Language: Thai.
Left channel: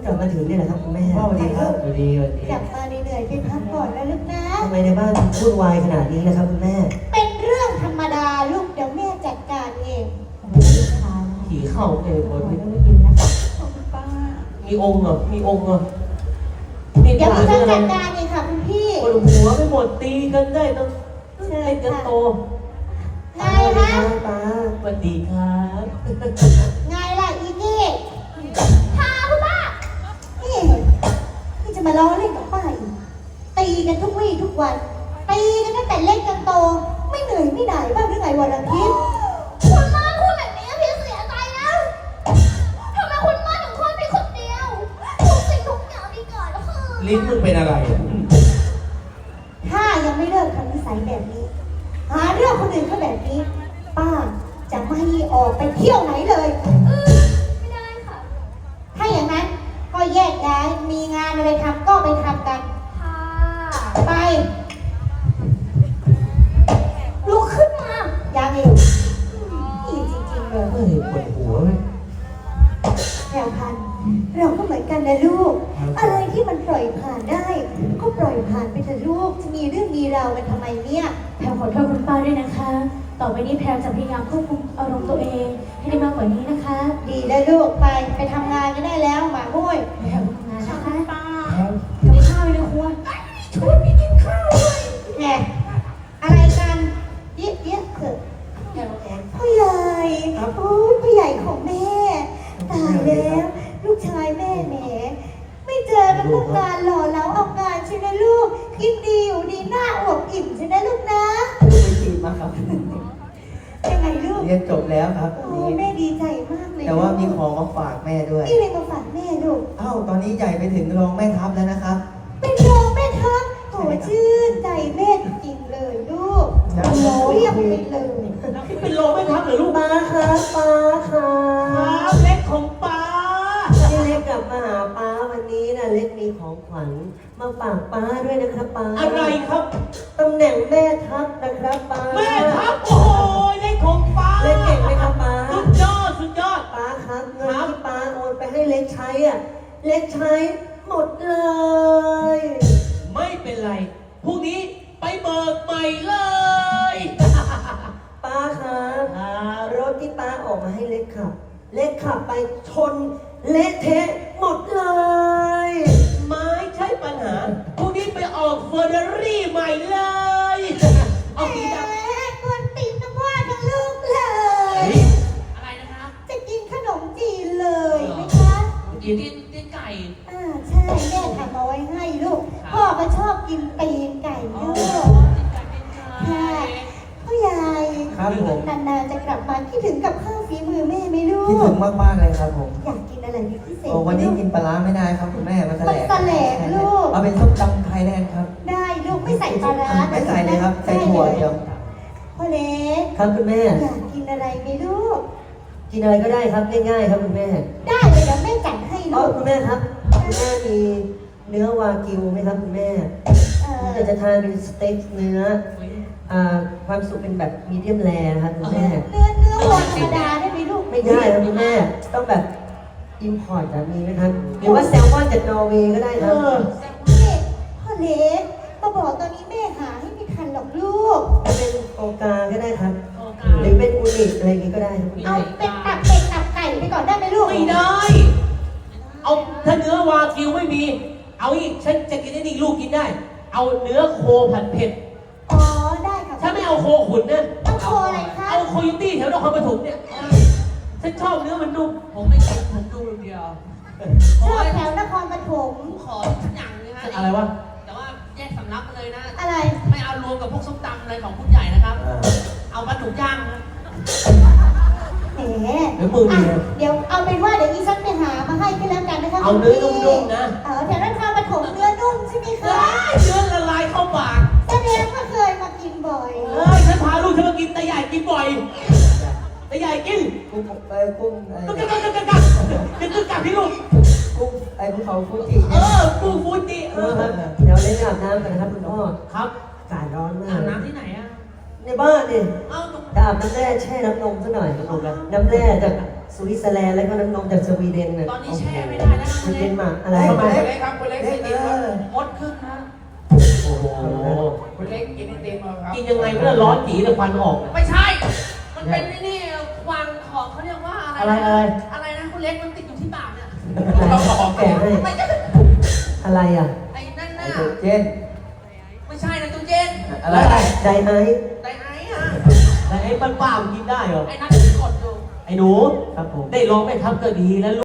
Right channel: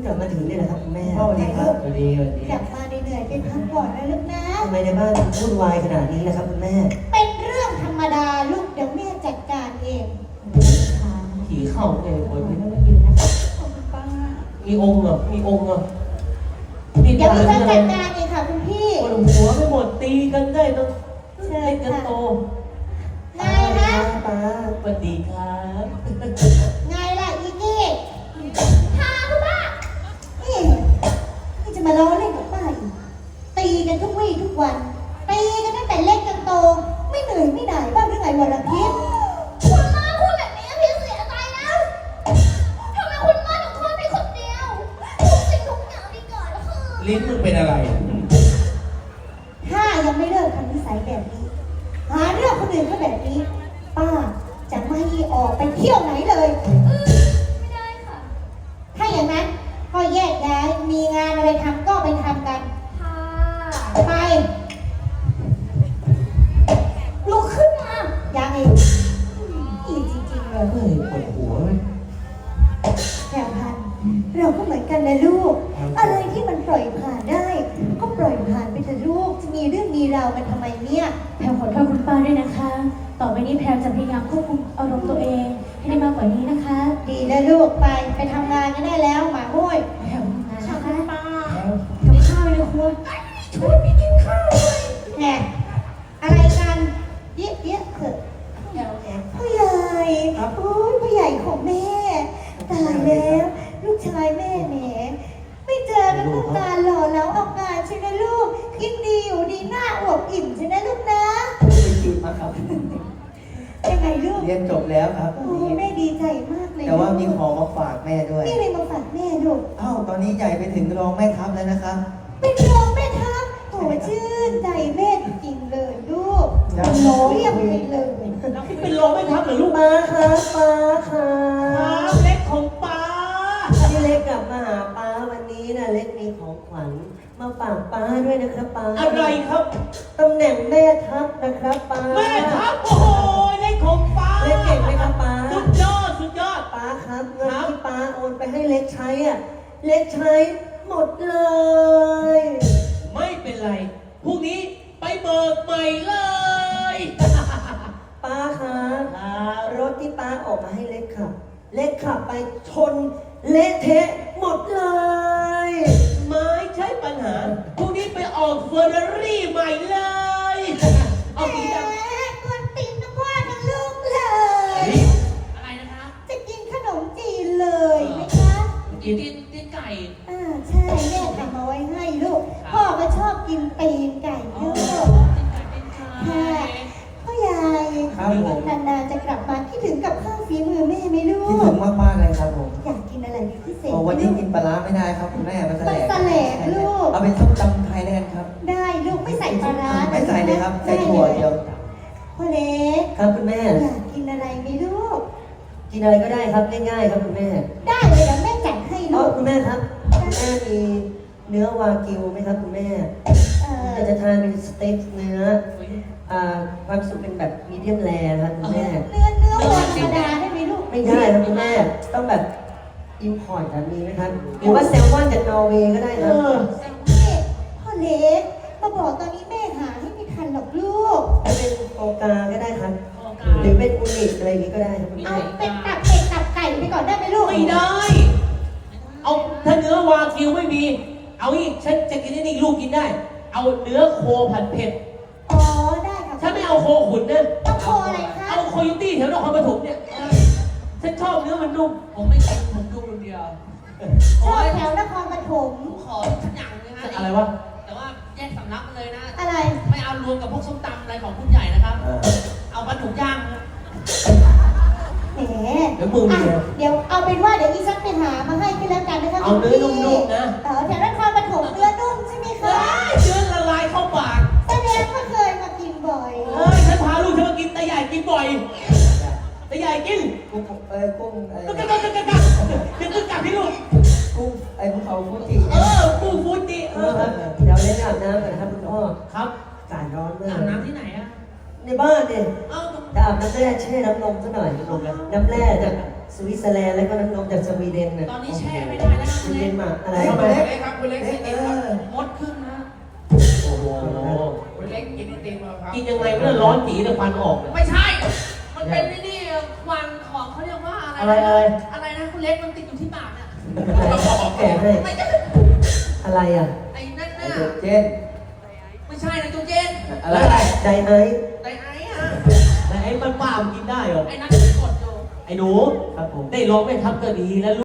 กลับมาถึงนี่แหละครับคุณแม่สวัสดีครับสวัสดีกลับมาเหนื่อยๆไปพักผ่อนนะลูกนะทำไมในบ้านพูดวายขนาดนี้นะครับคุณแม่เป็นเรื่องธรรมดาลูกเดี๋ยวแม่จัดการเองผีเข้าเองคนไม่ได้ป้ามีองค์เหรอมีองค์เหรอเดี๋ยวพี่จะจัดการเองค่ะคุณพี่ปวดหัวไปหมดตีกันได้ต้องเชิญเล่นกันโตไงฮะป้าสวัสดีครับไงล่ะอีนี่พาคุณป้านี่นี่จะมาล้อเล่นกับป้าอีกตีกันทุกวี่ทุกวันตีกันตั้งแต่เล็กจนโตไม่เหนื่อยไม่หน่ายบ้างหรือไงวันอาทิตย์คุณป้าพูดแบบนี้พี่เสียใจแล้วทำไมคุณป้าถึงคลอดพี่คนเดียวทุกสิ่งทุกอย่างที่เกิดขึ้นลิ้นมึงเป็นอะไรอ่ะถ้ายังไม่เลิกทำนิสัยแบบนี้หาเรื่องคนอื่นเขาแบบนี้ป้าจะไม่ออกไปเที่ยวไหนเลยไม่ได้ค่ะถ้าอย่างนั้นก็แยกย้ายมีงานอะไรทำก็ไปทำกันค่ะไปลุกขึ้นมาอย่าอีกอีจริงๆเลยเฮ้ยปวดหัวไหมเราพันเราก็เหมือนกันนะลูกอะไรที่มันปล่อยผ่านได้ก็ปล่อยผ่านไปเถอะลูกจะมีเรื่องมีราวกันทำไมเนี่ยแพรขอโทษคุณป้าด้วยนะคะ ต่อไปนี้แพรจะพยายามควบคุมอารมณ์ตัวเองให้ได้มากกว่านี้นะคะดีแล้วลูกไปทำงานกันได้แล้วหมาบุ้ยแพรทำงานนะคะป้ากับข้าวในครัวช่วยพี่กินข้าวเลยแหมอะไรกันเยอะเถอะพ่อใหญ่โอ้ยพ่อใหญ่ของแม่ตายแล้วลูกชายแม่แหมไม่เจอกันตั้งนานหล่อแล้วเอางานใช่ไหมลูกกินดีอยู่ดีหน้าอวบอิ่มใช่ไหมลูกนะไปจีบมาครับยังไงลูกเรียนจบแล้วครับโอ้แม่ดีใจมากเลยแต่ว่ามีของมาฝากแม่ด้วยนี่เลยมาฝากแม่ลูกอ้าวตอนนี้ใหญ่ไปถึงรองแม่ทัพแล้วนะครับเป็นรองแม่ทัพโถชื่นใจแม่จริงๆเลยลูกโหเรียบไปเลยเป็นรองแม่ทัพเหรอลูกป้าครับป้าครัครับ บเล็กของป้าที่เล็กกลับมาหาป้าวันนี้นะเล็กมีของขวัญมาฝากป้าด้วยนะครับป้าอะไรครับตำแหน่งแม่ทัพนะครับป้าแม่ทัพโอ้ยเล็กของป้าเล็กเก่งไหมครับป้าสุดยอดสุดยอดป้าครับเงินที่ป้าโอนไปให้เล็กใช้อ่ะเล็กใช้หมดเลยไม่เป็นไรพรุ่งนี้ไปเบิกใหม่เลยป้าครับครับรถที่ป้าออกมาให้เล็กขับ เล็กขับไปชนเละเทะหมดเลยไม่ใช่ปัญหาพรุ่งนี้ไปออกเฟอร์รารี่ใหม่เลย เอาสีดำแหมกวนตีนทั้งพ่อทั้งลูกเลยอะไรนะคะจะกินขนมจีนเลยไหมคะกินตีนไก่ใช่แม่ทำเอาไว้ให้ลูก พ่อก็ชอบกินตีนไก่ลูกตีนไก่ค่ะพ่อใหญ่ครับผมนานๆจะกลับมาคิดถึงกับข้าวฝีมือแม่ไหมลูกคิดถึงมากๆเลยครับผมอยากกินอะไรเป็นพิเศษโอ้วันนี้กินปลาร้าไม่ได้ครับคุณแม่มันแสลมันแสลกลูกเอาเป็นส้มตำไทยแลนด์ครับได้ลูกไม่ใส่ปลาร้าไม่ใส่เลยครับใส่ถั่วเดียวพ่อเล็กครับคุณแม่อยากกินอะไรไหมลูกกินอะไรก็ได้ครับง่ายๆครับคุณแม่ได้เลยเดี๋ยวแม่จัดให้อ๋อลูกคุณแม่ครับคุณแม่มีเนื้อวากิวไหมครับคุณแม่ผมอยากจะทานเป็นสเต็กเนื้อความสุขเป็นแบบมีเดียมแรร์นะครับคุณแม่เนื้อวัวธรรมดาได้ไหมลูกไม่ได้ครับคุณแม่ต้องแบบอิมพอร์ตแบบนี้นะครับหรือว่าแซลมอนจากนอร์เวย์ก็ได้นะนี่พ่อเล็กมาบอกตอนนี้แม่หาให้ไม่ทันหรอกลูกถ้าเป็นโอกาก็ได้ครับโอกาหรือเป็นอูนิอะไรอย่างนี้ก็ได้ครับคุณเอาแม่เป็นตับเป็ดตับไก่ไปก่อนได้ไหมลูกไม่ได้ เอาถ้าเนื้อวากิวไม่มี เอาอีกฉันจะกินได้นี่ลูกกินได้ เอาเนื้อโคผัดเผ็ดอ๋อได้ค่ะฉันไม่เอาโคขุนนะต้องโคอะไรคะเอาโคโยตี้แถวนครปฐมเนี่ย ฉันชอบเนื้อมันนุ่มผมไม่กินผมดูอย่างเดียวชอบแถวนครปฐมผมขอทุกอย่างเลยฮะอะไรวะแต่ว่าแยกสำรับมาเลยนะอะไรไม่เอารวมกับพวกส้มตำอะไรของคุณใหญ่นะครับ เอาปลาดุกย่างนะแหมเดี๋ยวมือมีนะเดี๋ยวเอาเป็นว่าเดี๋ยวอีซักไปหามาให้ก็แล้วกันนะคะเอาเนื้อนุ่มๆนะแถวนครปฐมเนื้อนุ่มใช่ไหมเฮ้คะยเนื้อละลายเข้าปากแสดงว่าเคยมากินบ่อยเฮ้ยฉันพาลูกฉันมากินแต่ใหญ่กินบ่อยแต่ใหญ่กินกุ้งกุ้งกึ๊กกึ๊กกึ๊กกึ๊กกึ๊กกึ๊กกลับพี่ลูกกุ้งภูเขาฟูจิกูฟูจิเดี๋ยวเล่นอาบน้ำกันนะครับคุณพ่อครับอากาศร้อนมาอาบกน้ำที่ไหนอะนในบ้านดิเอาจะอาบน้ำแร่แช่น้ำนมซะหน่อยน้ำแร่จากสวิตเซอร์แลนด์แล้วก็น้ำนมจากสวีเดนน่ะตอนนี้แช่ไม่ได้นะสคุณวีเดเล็กนมาอะไรทำไมคุณเล็กครับคุณเล็กกินไอติมครับมดขึ้นนะโอ้โหคุณเล็กกินไอติมครับกินยังไงเพื่อร้อนจีเลยควันออกไม่ใช่ มันเป็นนี่ควันของเขาเรียกว่าอะไรอะไรนะคุณเล็กมันติดอยู่ที่ปากเนี่ยแกะให้ไม่ใช่อะไรอ่ะไอ้นั่นน่ะเจนไม่ใช่นะจูเจนอะไรไดไอซ์ไดไอ้อะแต่ไอ้ป้าๆมันกินได้เหรอไอ้นั่นที่กดอยู่ไอ้หนูครับผมได้ลองไม่ทำก็ดีแล้ว